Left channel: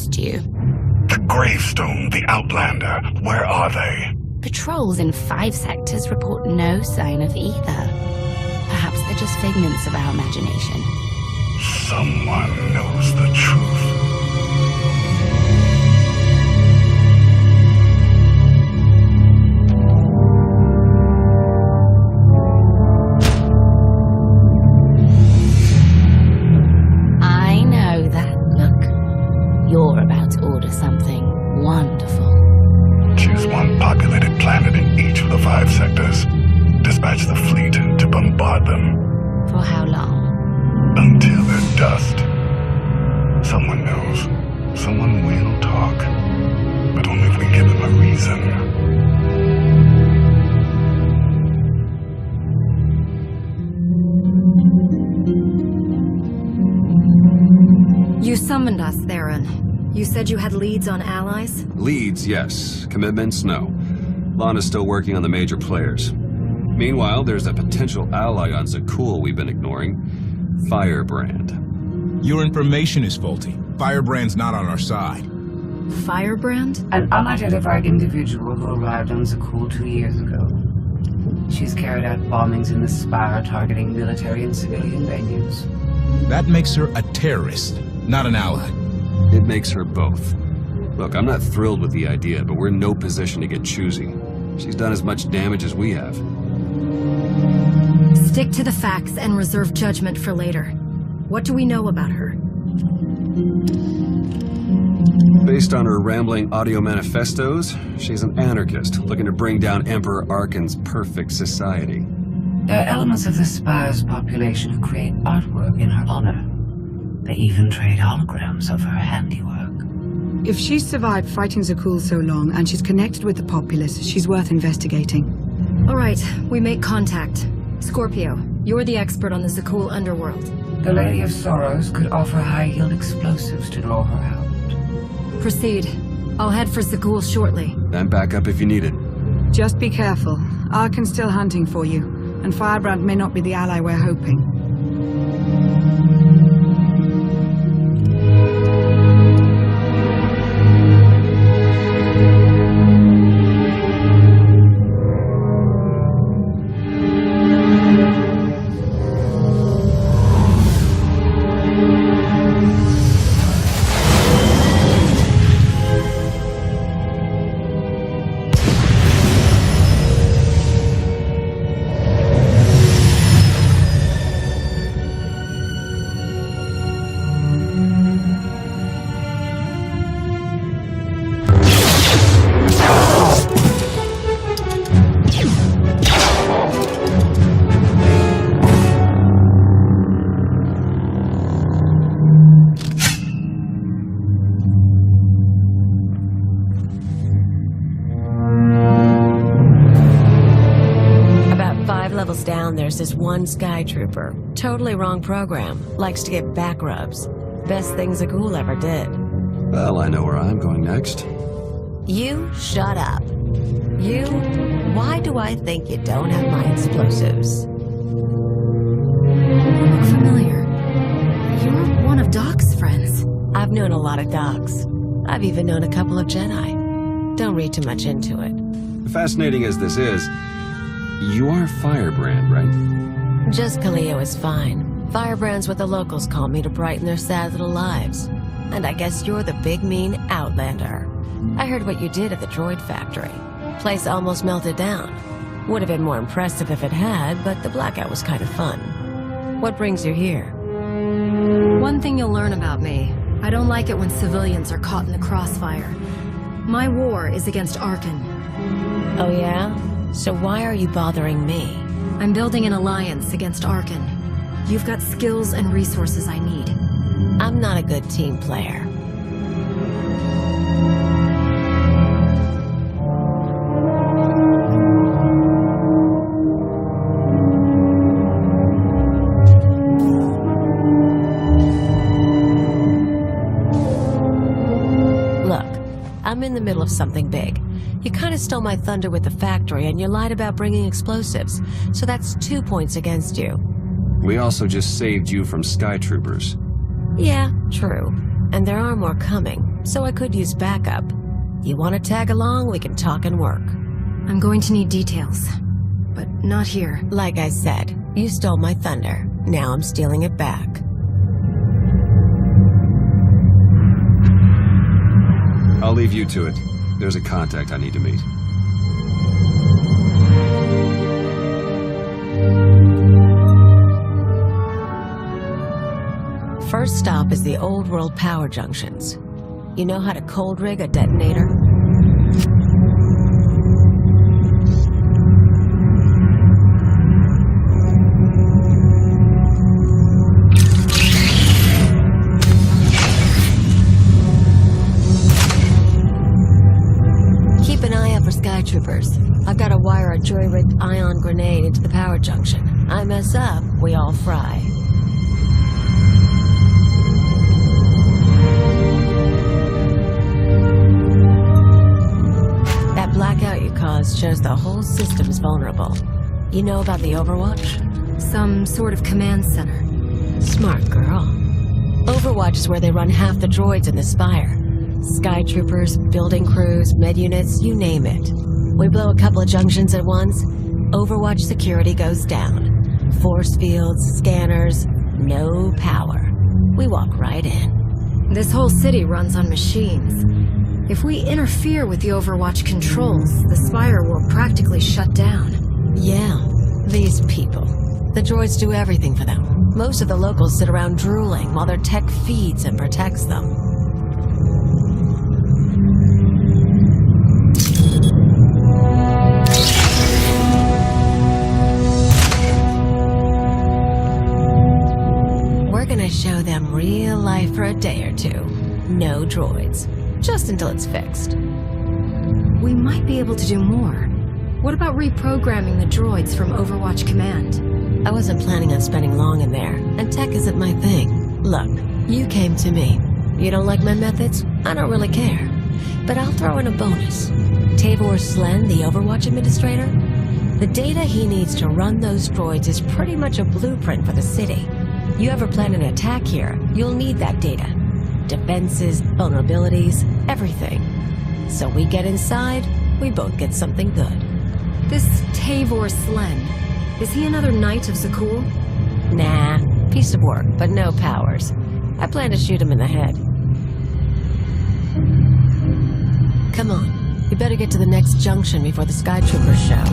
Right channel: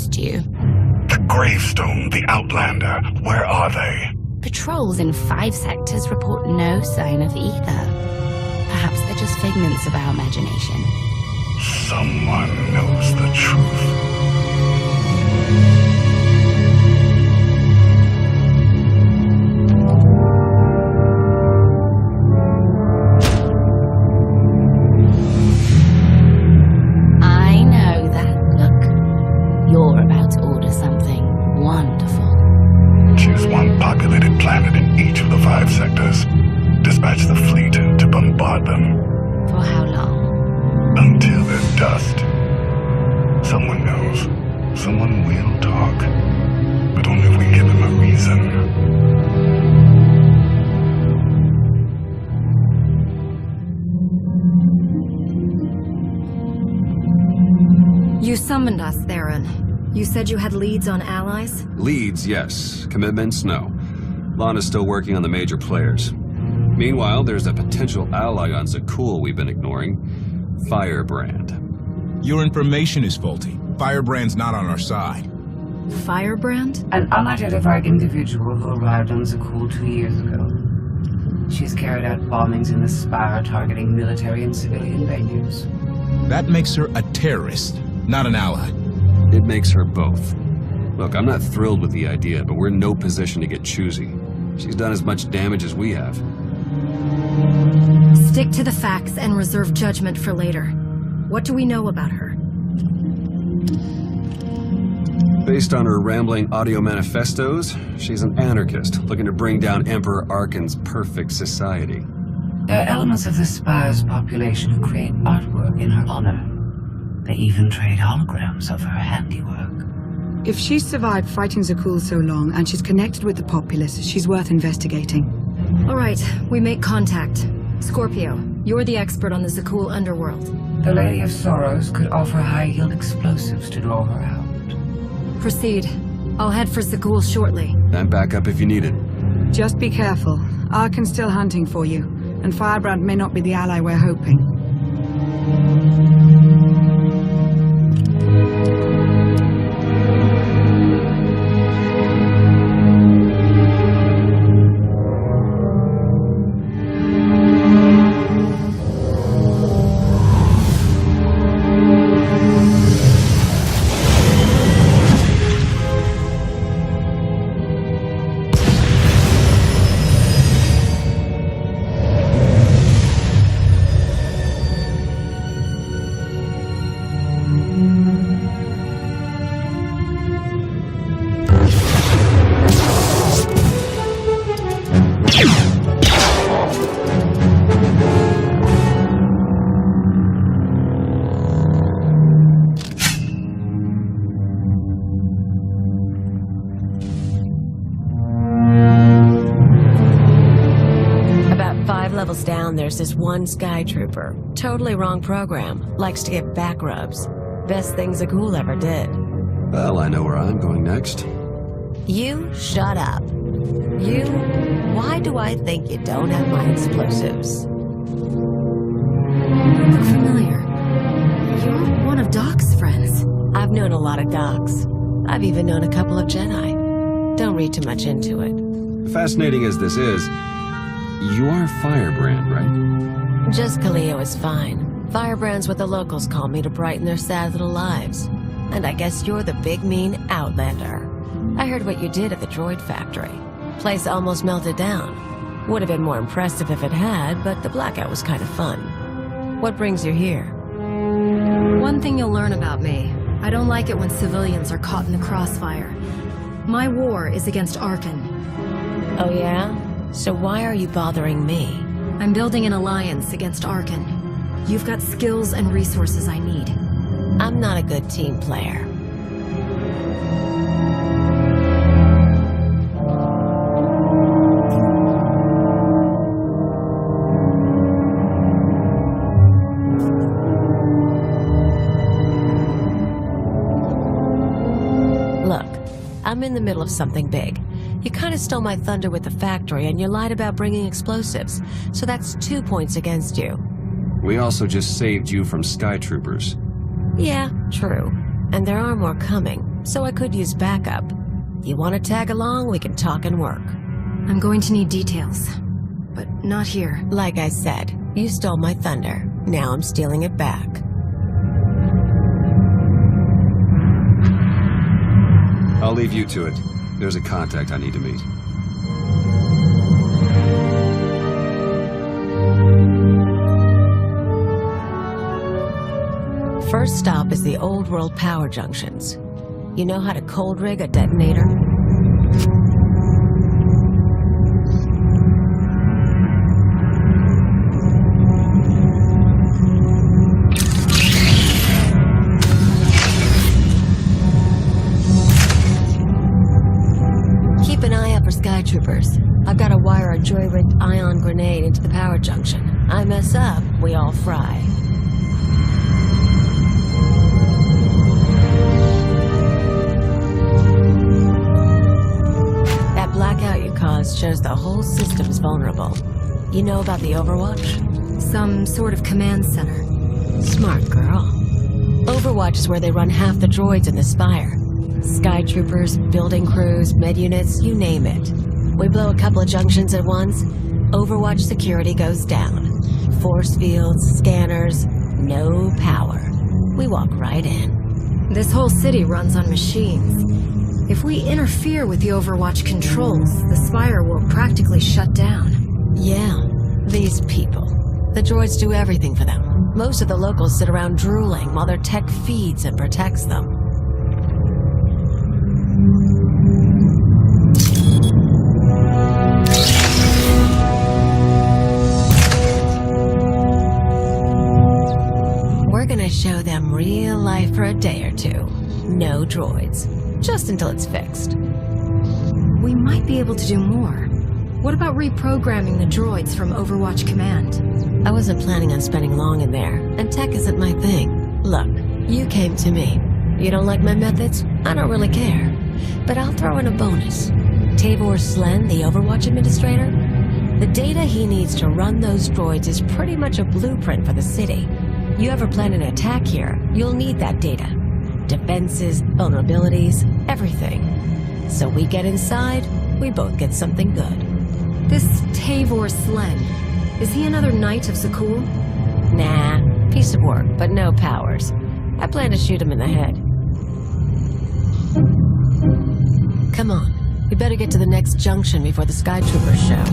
assist you. The Gravestone, the Outlander, where are they? Patrols in 5 sectors report no sign of either. Perhaps they're just figments of our imagination. Someone knows the truth. I know that look. You're about to order something wonderful. Choose one populated planet in each of the 5 sectors. Dispatch the fleet to bombard them. For how long? Until they're dust. Someone knows. Someone will talk. But only if we give them a reason. You summoned us, Theron. You said you had leads on allies? Leads, yes. Commitments, no. Lana's still working on the major players. Meanwhile, there's a potential ally on Zakul we've been ignoring. Firebrand. Your information is faulty. Firebrand's not on our side. Firebrand? An unidentified individual who arrived on Zakul 2 years ago. She's carried out bombings in the Spire targeting military and civilian venues. That makes her a terrorist, not an ally. It makes her both. Look, I'm not thrilled with the idea, but we're in no position to get choosy. She's done as much damage as we have. Stick to the facts and reserve judgment for later. What do we know about her? Based on her rambling audio manifestos, she's an anarchist looking to bring down Emperor Arkan's perfect society. There are elements of the Spire's population who create artwork in her honor. They even trade holograms of her handiwork. If she's survived fighting Zakul so long and she's connected with the populace, she's worth investigating. All right, we make contact. Scorpio, you're the expert on the Zakul underworld. The Lady of Sorrows could offer high-yield explosives to draw her out. Proceed. I'll head for Zakul shortly. I'm back up if you need it. Just be careful. Arkan's still hunting for you, and Firebrand may not be the ally we're hoping. About 5 levels down, there's this one Sky Trooper. Totally wrong program. Likes to get back rubs. Best thing Zakul ever did. Well, I know where I'm going next. You shut up. You? Why do I think you don't have my explosives? You look familiar. You're one of Doc's friends. I've known a lot of docs. I've even known a couple of Jedi. Don't read too much into it. Fascinating as this is, you are Firebrand, right? Just Kaleo is fine. Firebrand's what the locals call me to brighten their sad little lives. And I guess you're the big mean Outlander. I heard what you did at the droid factory. Place almost melted down. Would have been more impressive if it had, but the blackout was kind of fun. What brings you here? One thing you'll learn about me. I don't like it when civilians are caught in the crossfire. My war is against Arkan. Oh yeah? So why are you bothering me? I'm building an alliance against Arkan. You've got skills and resources I need. I'm not a good team player. Look, I'm in the middle of something big. You kind of stole my thunder with the factory, and you lied about bringing explosives, so that's 2 points against you. We also just saved you from Sky Troopers. Yeah, true. And there are more coming, so I could use backup. You want to tag along, we can talk and work. I'm going to need details, but not here. Like I said, you stole my thunder. Now I'm stealing it back. I'll leave you to it. There's a contact I need to meet. First stop is the old world power junctions. You know how to cold rig a detonator? Keep an eye out for sky troopers. I've got to wire a jury-rigged ion grenade into the power junction. I mess up, we all fry. That blackout you caused shows the whole system's vulnerable. You know about the Overwatch? Some sort of command center. Smart girl. Overwatch is where they run half the droids in the Spire. Sky troopers, building crews, med units, you name it. We blow a couple of junctions at once, Overwatch security goes down. Force fields, scanners, no power. We walk right in. This whole city runs on machines. If we interfere with the Overwatch controls, the Spire will practically shut down. Yeah, these people. The droids do everything for them. Most of the locals sit around drooling while their tech feeds and protects them. We're gonna show them real life for a day or two. No droids. Just until it's fixed. We might be able to do more. What about reprogramming the droids from Overwatch Command? I wasn't planning on spending long in there, and tech isn't my thing. Look, you came to me. You don't like my methods? I don't really care. But I'll throw in a bonus. Tavor Slen, the Overwatch administrator? The data he needs to run those droids is pretty much a blueprint for the city. You ever plan an attack here, you'll need that data. Defenses, vulnerabilities, everything. So we get inside, we both get something good. This Tavor Slen, is he another Knight of Zakul? Nah, piece of work, but no powers. I plan to shoot him in the head. Come on, we better get to the next junction before the Sky Troopers show.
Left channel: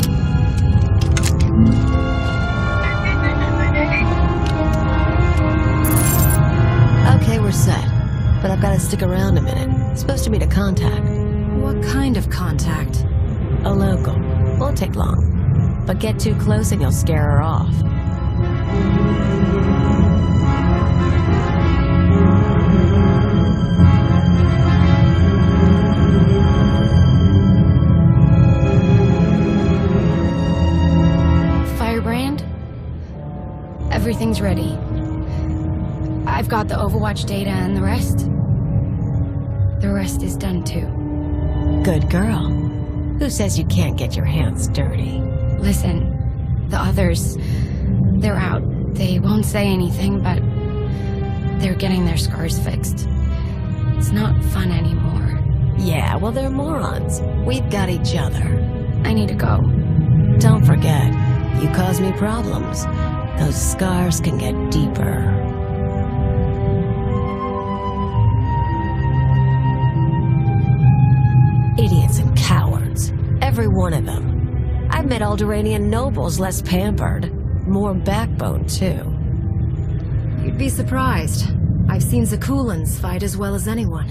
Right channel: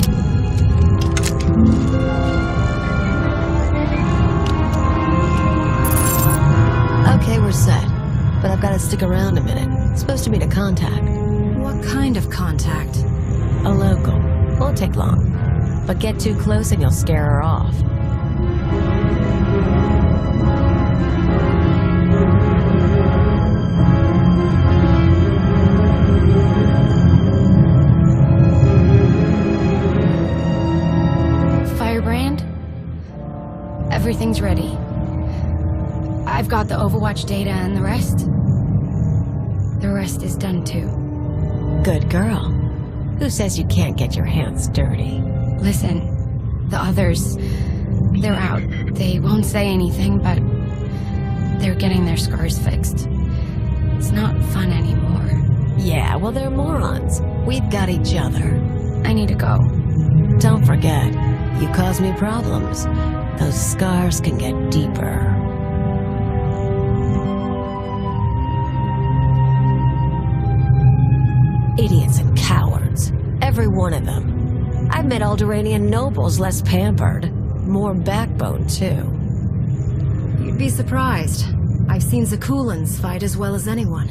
Okay, we're set. But I've got to stick around a minute. Supposed to meet a contact. What kind of contact? A local. Won't take long. But get too close and you'll scare her off. Firebrand? Everything's ready. I've got the Overwatch data and the rest? The rest is done too. Good girl. Who says you can't get your hands dirty? Listen, the others, they're out. They won't say anything, but they're getting their scars fixed. It's not fun anymore. Yeah, well, they're morons. We've got each other. I need to go. Don't forget, you cause me problems. Those scars can get deeper. Idiots and cowards. Every one of them. I've met Alderaanian nobles less pampered. More backbone, too. You'd be surprised. I've seen Zakulans fight as well as anyone.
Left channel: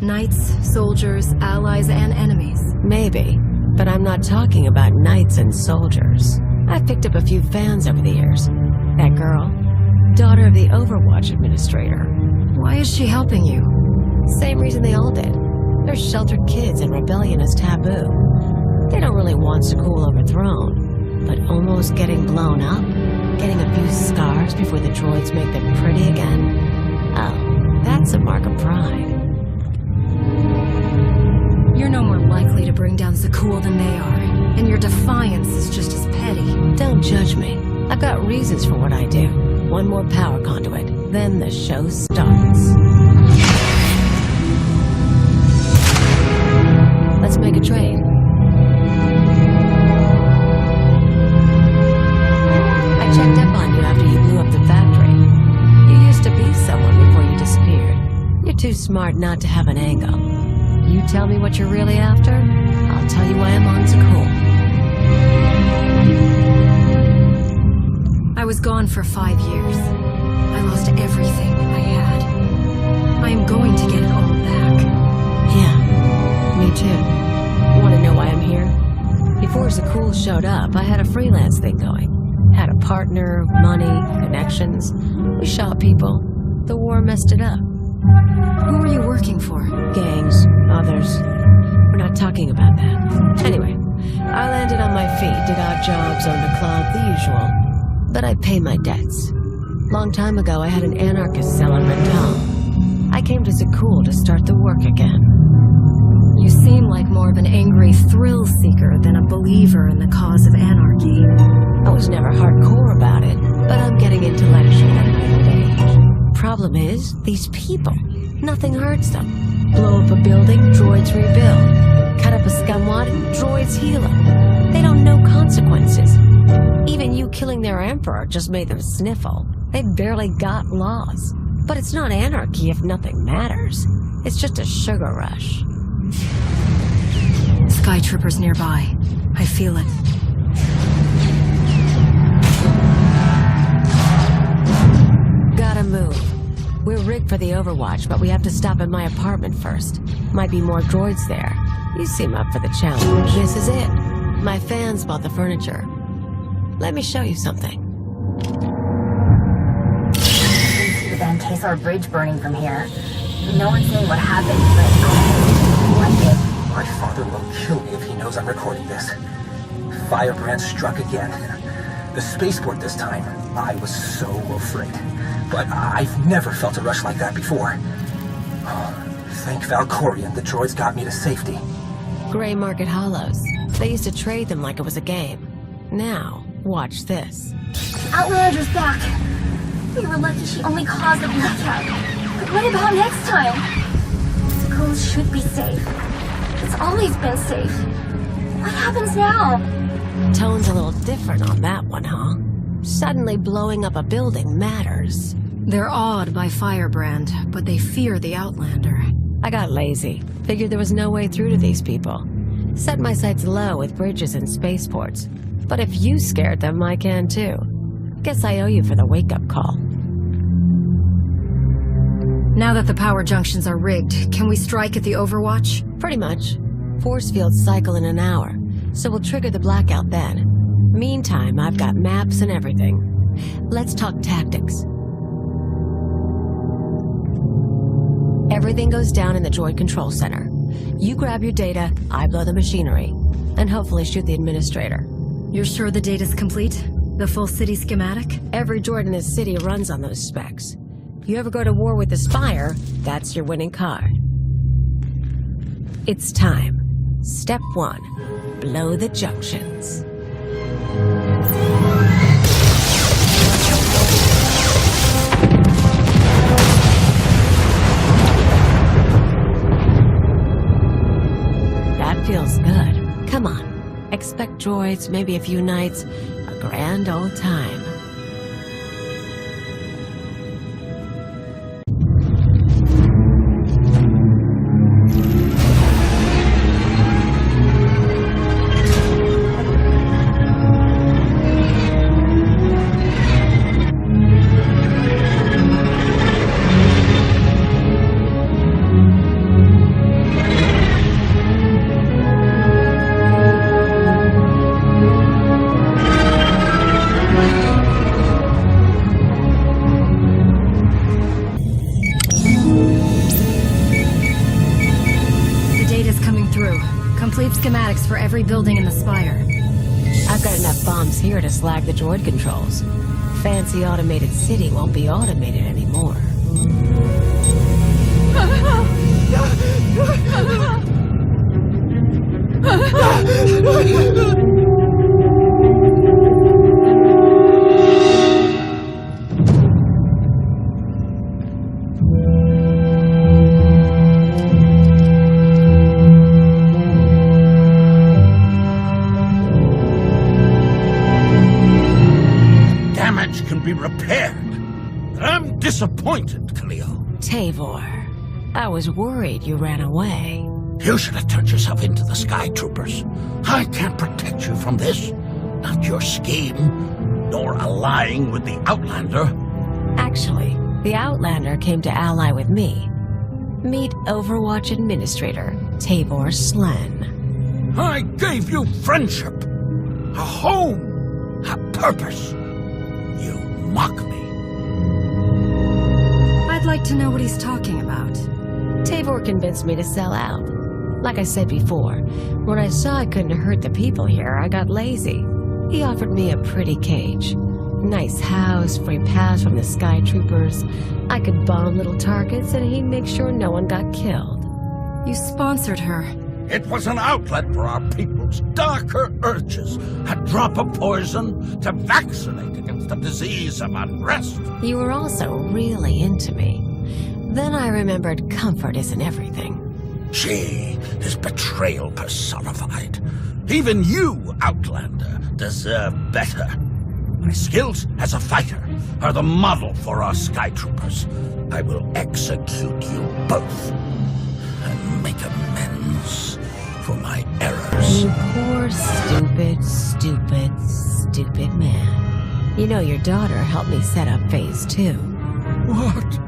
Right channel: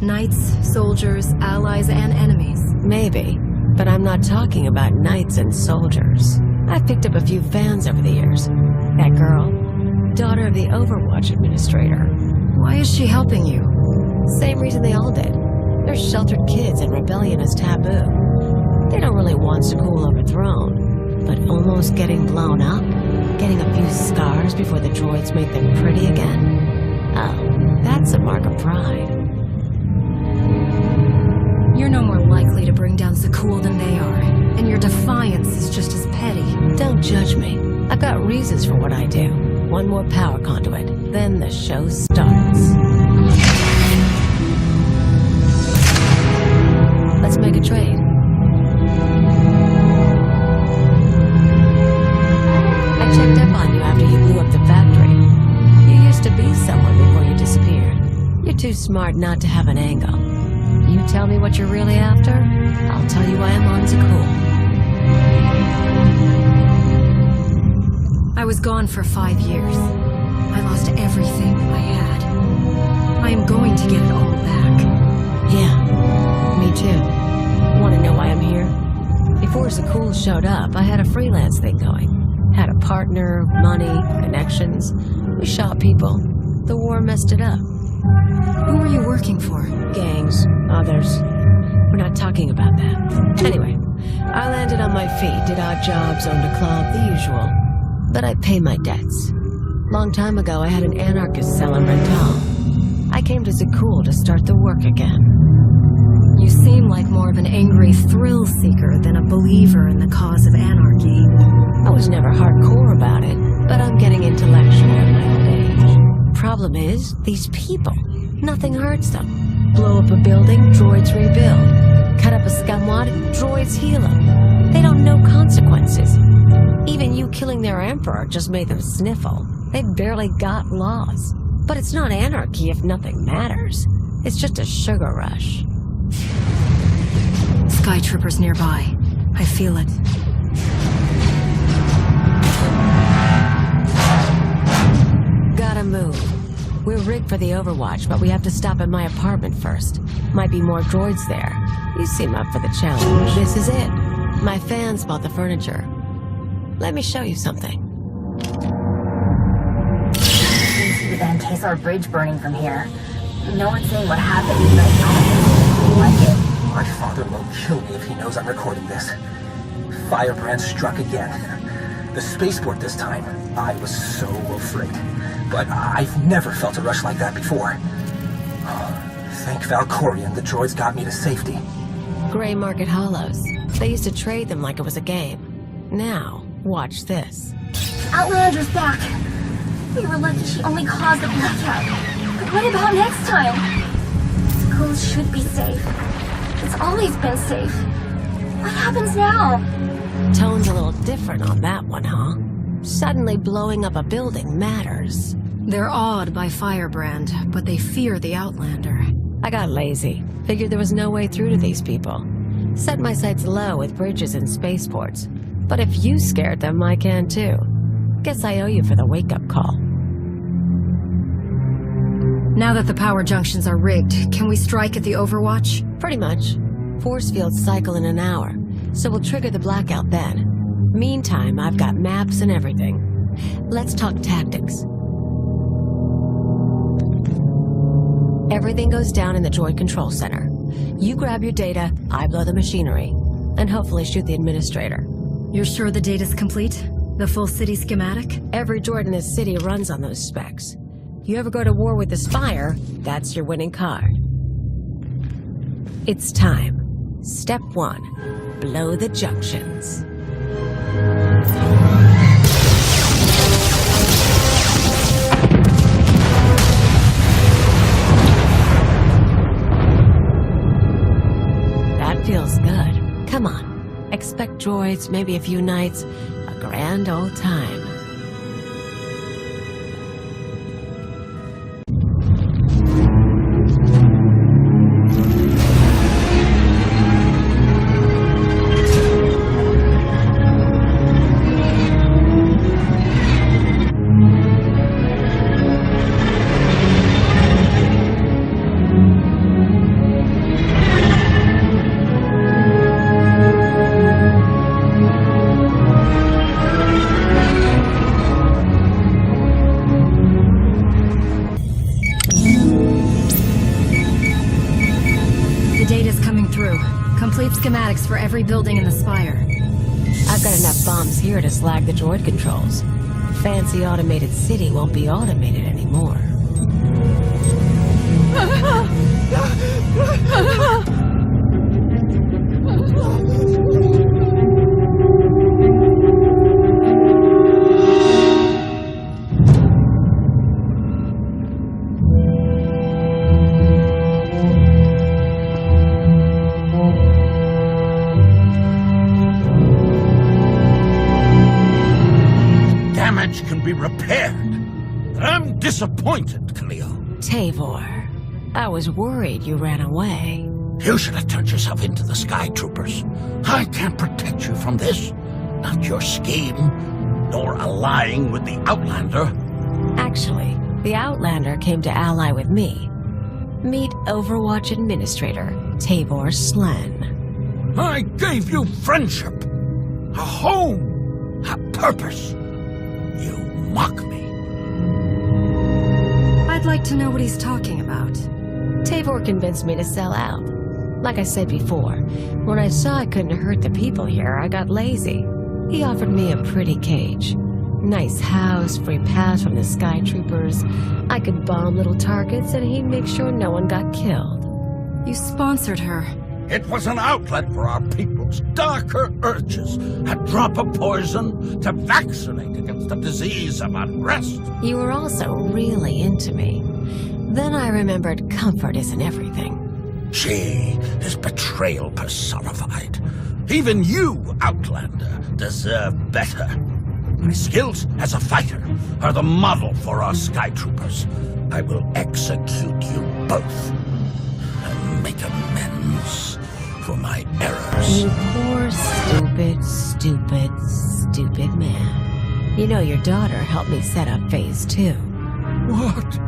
Knights, soldiers, allies, and enemies. Maybe, but I'm not talking about knights and soldiers. I've picked up a few fans over the years. That girl, daughter of the Overwatch administrator. Why is she helping you? Same reason they all did. They're sheltered kids and rebellion is taboo. They don't really want Zakul overthrown, but almost getting blown up, getting a few scars before the droids make them pretty again. Oh, that's a mark of pride. You're no more likely to bring down Zakul than they are, and your defiance is just as petty. Don't judge me. I've got reasons for what I do. One more power conduit, then the show starts. Let's make a trade. I checked up on you after you blew up the factory. You used to be someone before you disappeared. You're too smart not to have an angle. You tell me what you're really after, I'll tell you why I'm on Zakul. I was gone for 5 years. I lost everything I had. I am going to get it all back. Yeah, me too. Want to know why I'm here? Before Zakul showed up, I had a freelance thing going. Had a partner, money, connections. We shot people. The war messed it up. Who were you working for? Gangs, others. We're not talking about that. Anyway, I landed on my feet, did odd jobs, owned a club, the usual. But I pay my debts. Long time ago, I had an anarchist cell in Rental. I came to Zakul to start the work again. You seem like more of an angry thrill seeker than a believer in the cause of anarchy. I was never hardcore about it, but I'm getting intellectual in my old age. Problem is, these people. Nothing hurts them. Blow up a building, droids rebuild. Cut up a scumwad, droids heal them. They don't know consequences. Even you killing their emperor just made them sniffle. They barely got laws. But it's not anarchy if nothing matters. It's just a sugar rush. Sky Troopers nearby. I feel it. Gotta move. We're rigged for the Overwatch, but we have to stop at my apartment first. Might be more droids there. You seem up for the challenge. This is it. My fans bought the furniture. Let me show you something. We see the Van Kesar Bridge burning from here. No one's saying what happened, but I don't think like it. My father will kill me if he knows I'm recording this. Firebrand struck again. The spaceport this time. I was so afraid. But I've never felt a rush like that before. Oh, thank Valkorion, the droids got me to safety. Gray Market Hollows. They used to trade them like it was a game. Now, watch this. Outlander's back. We were lucky she only caused a blackout. But what about next time? Schools should be safe. It's always been safe. What happens now? Tone's a little different on that one, huh? Suddenly blowing up a building matters. They're awed by Firebrand, but they fear the Outlander. I got lazy. Figured there was no way through to these people. Set my sights low with bridges and spaceports. But if you scared them, I can too. Guess I owe you for the wake-up call. Now that the power junctions are rigged, can we strike at the Overwatch? Pretty much. Force fields cycle in an hour, so we'll trigger the blackout then. Meantime, I've got maps and everything. Let's talk tactics. Everything goes down in the droid control center. You grab your data, I blow the machinery, and hopefully shoot the administrator. You're sure the data's complete? The full city schematic? Every droid in this city runs on those specs. You ever go to war with the Spire, that's your winning card. It's time. Step 1. Blow the junctions. That feels good. Come on. Expect droids, maybe a few nights. A grand old time. The data's coming through. Complete schematics for every building in the Spire. I've got enough bombs here to slag the droid controls. Fancy automated city won't be automated anymore. damage can be repaired. I'm disappointed, Cleo. Tavor, I was worried you ran away. You should have turned yourself into the Sky Troopers. I can't protect you from this. Not your scheme, nor allying with the Outlander. Actually, the Outlander came to ally with me. Meet Overwatch Administrator Tavor Slen. I gave you friendship, a home, a purpose. You mock me. I'd like to know what he's talking about. Tavor convinced me to sell out. Like I said before, when I saw I couldn't hurt the people here, I got lazy. He offered me a pretty cage. Nice house, free pass from the Sky Troopers. I could bomb little targets and he'd make sure no one got killed. You sponsored her. It was an outlet for our people's darker urges. A drop of poison to vaccinate against a disease of unrest. You were also really into me. Then I remembered comfort isn't everything. She is betrayal personified. Even you, Outlander, deserve better. My skills as a fighter are the model for our Sky Troopers. I will execute you both and make amends for my errors. You poor, stupid man. You know your daughter helped me set up Phase 2. What?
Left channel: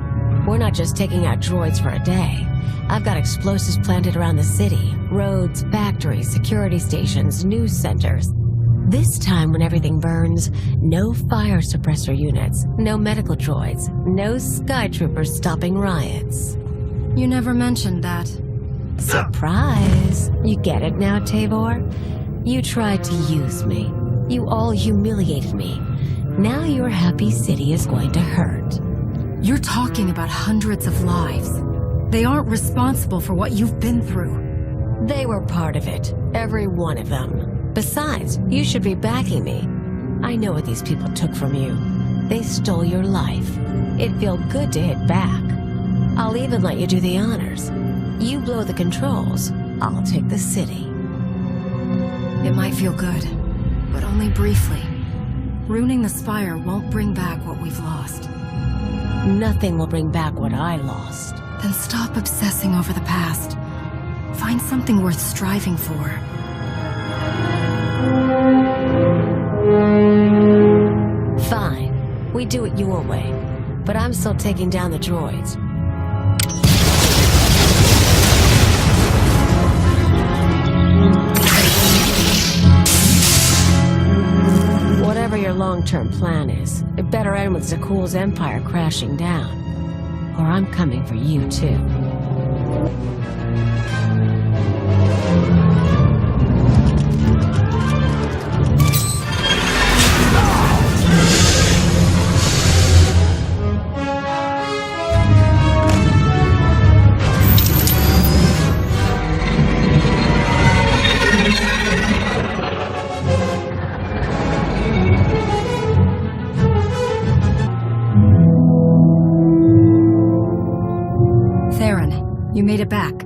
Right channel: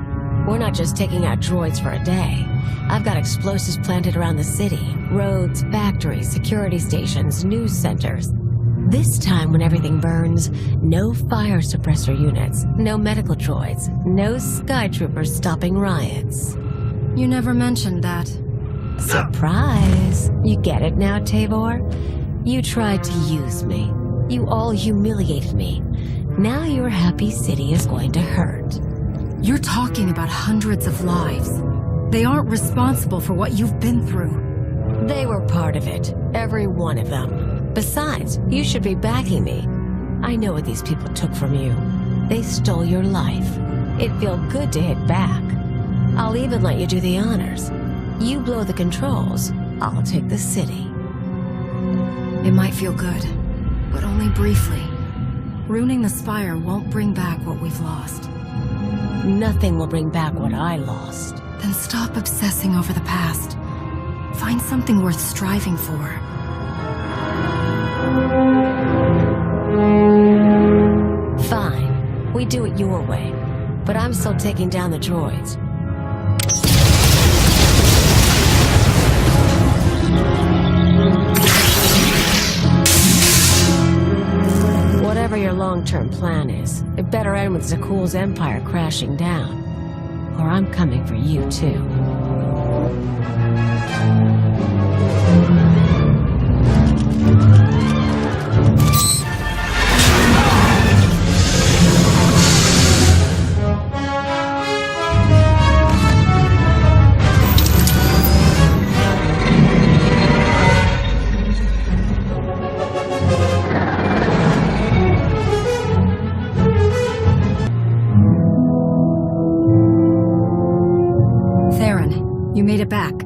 We're not just taking out droids for a day. I've got explosives planted around the city. Roads, factories, security stations, news centers. This time when everything burns, no fire suppressor units, no medical droids, no Sky Troopers stopping riots. You never mentioned that. Surprise! You get it now, Tavor? You tried to use me. You all humiliated me. Now your happy city is going to hurt. You're talking about hundreds of lives. They aren't responsible for what you've been through. They were part of it. Every one of them. Besides, you should be backing me. I know what these people took from you. They stole your life. It'd feel good to hit back. I'll even let you do the honors. You blow the controls, I'll take the city. It might feel good, but only briefly. Ruining the Spire won't bring back what we've lost. Nothing will bring back what I lost. Then stop obsessing over the past. Find something worth striving for. Fine. We do it your way. But I'm still taking down the droids. Whatever your long-term plan is, it better end with Zakuul's empire crashing down. Or I'm coming for you, too. Theron, you made it back.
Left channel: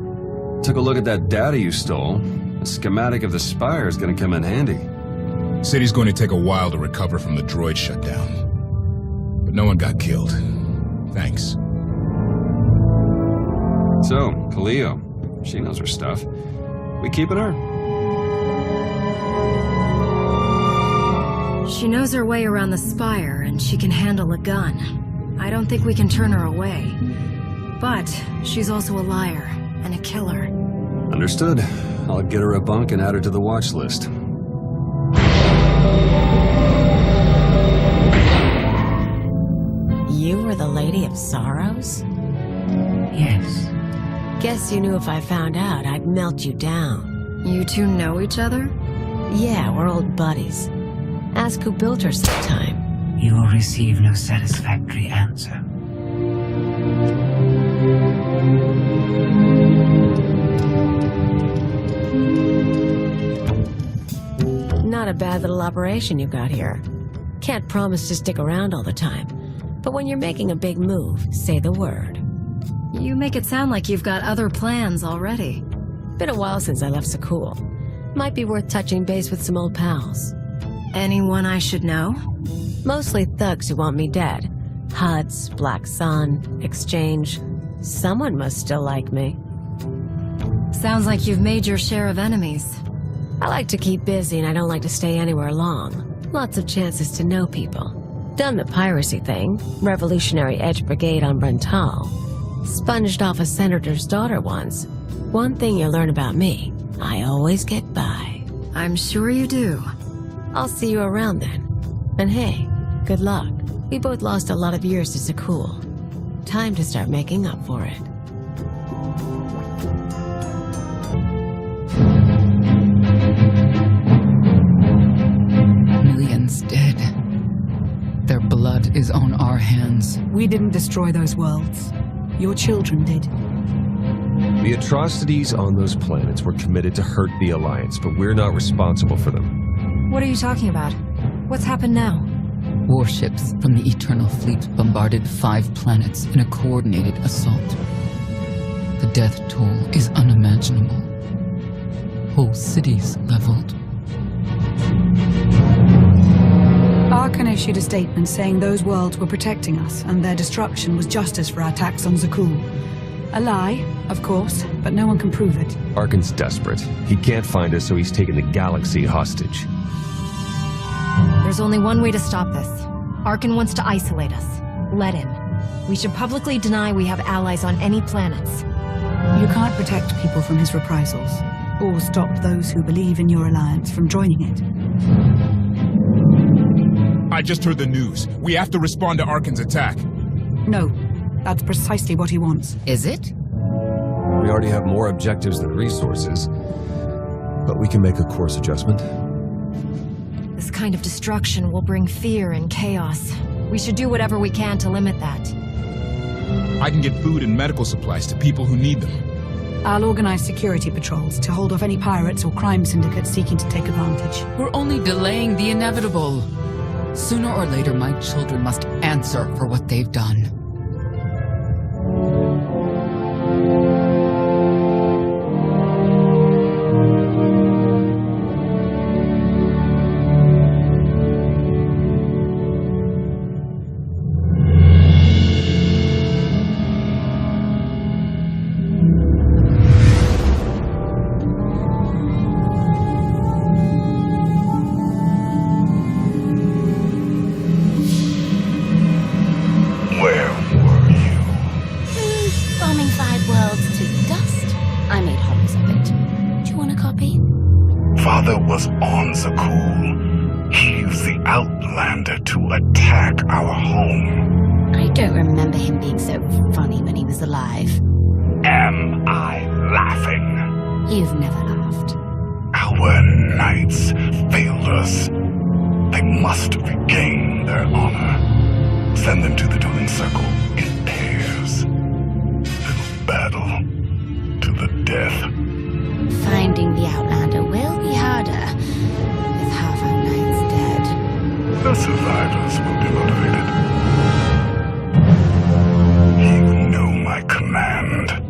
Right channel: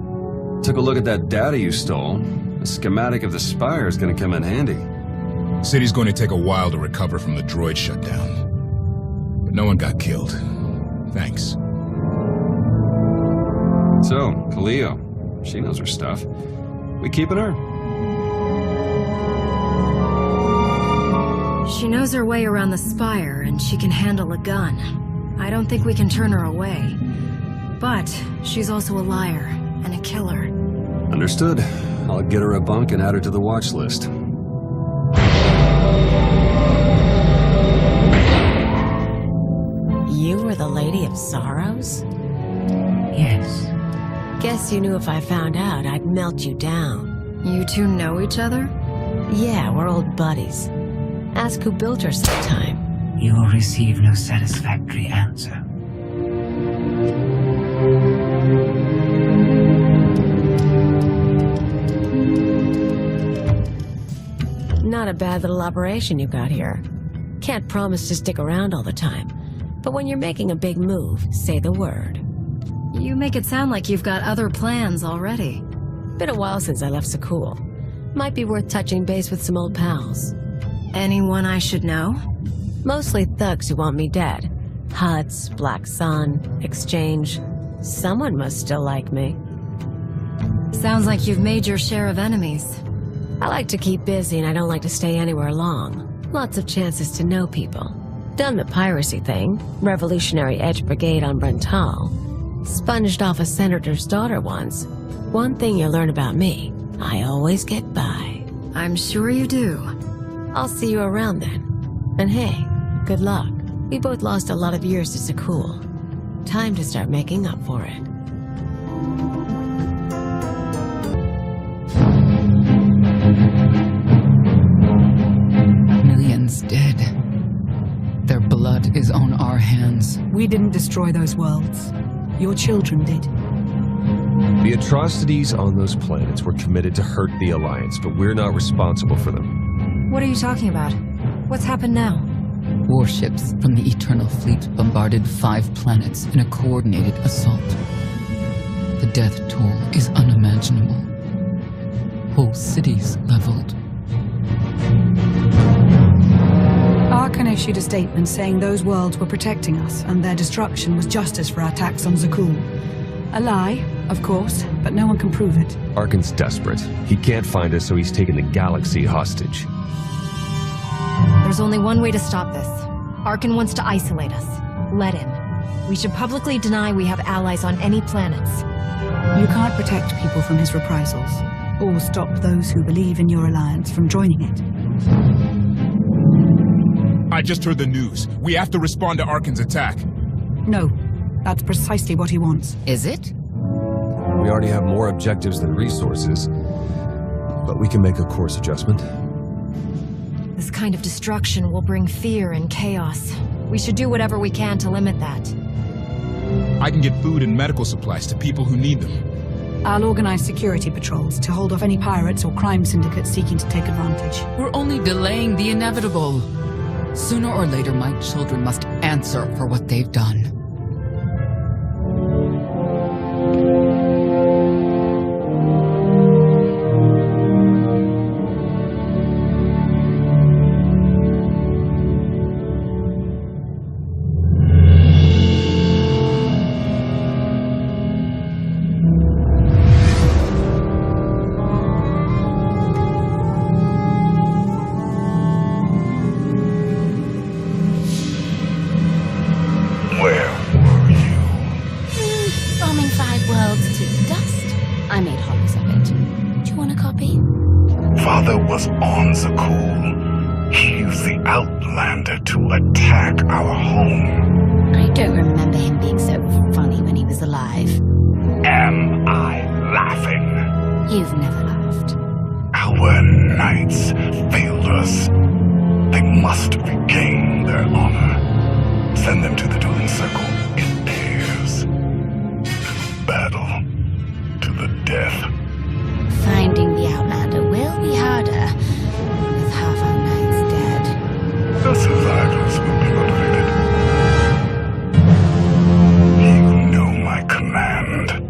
Took a look at that data you stole. The schematic of the Spire is gonna come in handy. City's going to take a while to recover from the droid shutdown. But no one got killed. Thanks. So, Cleo, she knows her stuff. We keeping her? She knows her way around the Spire, and she can handle a gun. I don't think we can turn her away. But she's also a liar and a killer. Understood. I'll get her a bunk and add her to the watch list. You were the Lady of Sorrows? Yes. Guess you knew if I found out, I'd melt you down. You two know each other? Yeah, we're old buddies. Ask who built her sometime. You will receive no satisfactory answer. Not a bad little operation you got here. Can't promise to stick around all the time, but when you're making a big move, say the word. You make it sound like you've got other plans already. Been a while since I left Zakuul. Might be worth touching base with some old pals. Anyone I should know? Mostly thugs who want me dead. HUDs, Black Sun, Exchange. Someone must still like me. Sounds like you've made your share of enemies. I like to keep busy and I don't like to stay anywhere long. Lots of chances to know people. Done the piracy thing, Revolutionary Edge Brigade on Brental. Sponged off a senator's daughter once. One thing you learn about me, I always get by. I'm sure you do. I'll see you around then. And hey, good luck. We both lost a lot of years to Sakul. Time to start making up for it. Millions dead. Their blood is on our hands. We didn't destroy those worlds. Your children did. The atrocities on those planets were committed to hurt the Alliance, but we're not responsible for them. What are you talking about? What's happened now? Warships from the Eternal Fleet bombarded 5 planets in a coordinated assault. The death toll is unimaginable. Whole cities leveled. Arkan issued a statement saying those worlds were protecting us and their destruction was justice for our attacks on Zakul. A lie, of course, but no one can prove it. Arkan's desperate. He can't find us, so he's taken the galaxy hostage. There's only one way to stop this. Arkan wants to isolate us. Let him. We should publicly deny we have allies on any planets. You can't protect people from his reprisals, or stop those who believe in your alliance from joining it. I just heard the news. We have to respond to Arkan's attack. No, that's precisely what he wants. Is it? We already have more objectives than resources, but we can make a course adjustment. This kind of destruction will bring fear and chaos. We should do whatever we can to limit that. I can get food and medical supplies to people who need them. I'll organize security patrols to hold off any pirates or crime syndicates seeking to take advantage. We're only delaying the inevitable. Sooner or later, my children must answer for what they've done. Where were you? Bombing 5 worlds to dust. I made hollows of it. Do you want a copy? Father was on Zakul. He used the Outlander to attack our home. I don't remember him being so funny when he was alive. Am I laughing? You've never laughed. Our knights failed us. They must regain their honor. Send them to the dueling circle in pairs. It'll battle to the death. Finding the Outlander will be harder with half our knights dead. The survivors will be motivated. You know my command.